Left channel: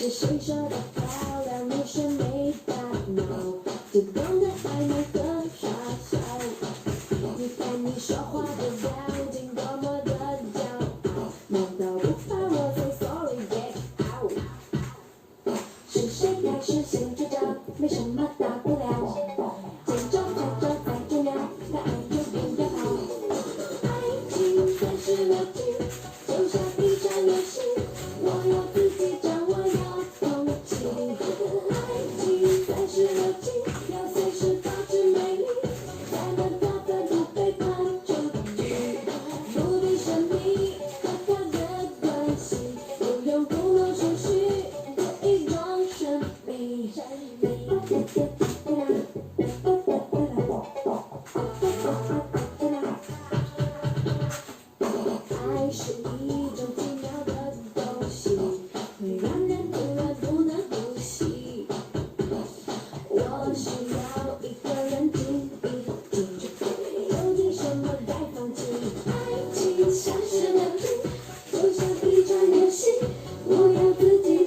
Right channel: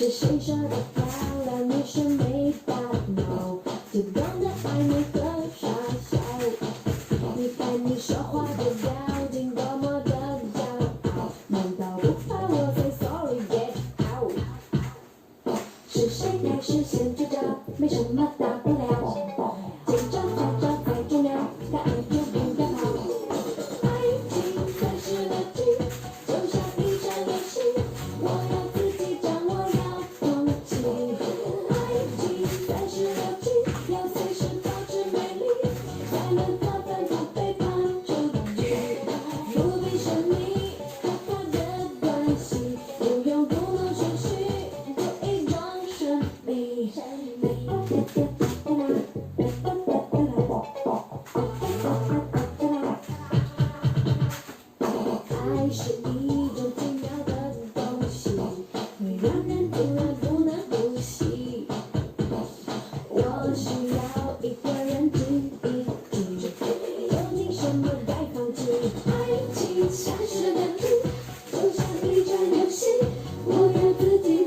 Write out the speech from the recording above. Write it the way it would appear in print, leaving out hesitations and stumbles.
是谁说的漂亮？你说没大脑，只懂得暧昧和傻笑。你看你说话的表情多么的骄傲，难道不怕我 say sorry get out？ 是谁开始先出招？没什么大不了，见招拆招才重要，该爱就不要跑。爱情才是乐趣，就像一场游戏，我要自己掌握，要放弃。爱情才是乐趣，要随时保持美丽，才能得分不被判出局。不必神秘和他的关系，不用故弄玄虚，就一种神秘。爱是一种奇妙的东西，会让人突然不能呼吸。我需要一个人静一静，究竟什么该放弃？爱情像是乐趣，就像一场游戏，我让自己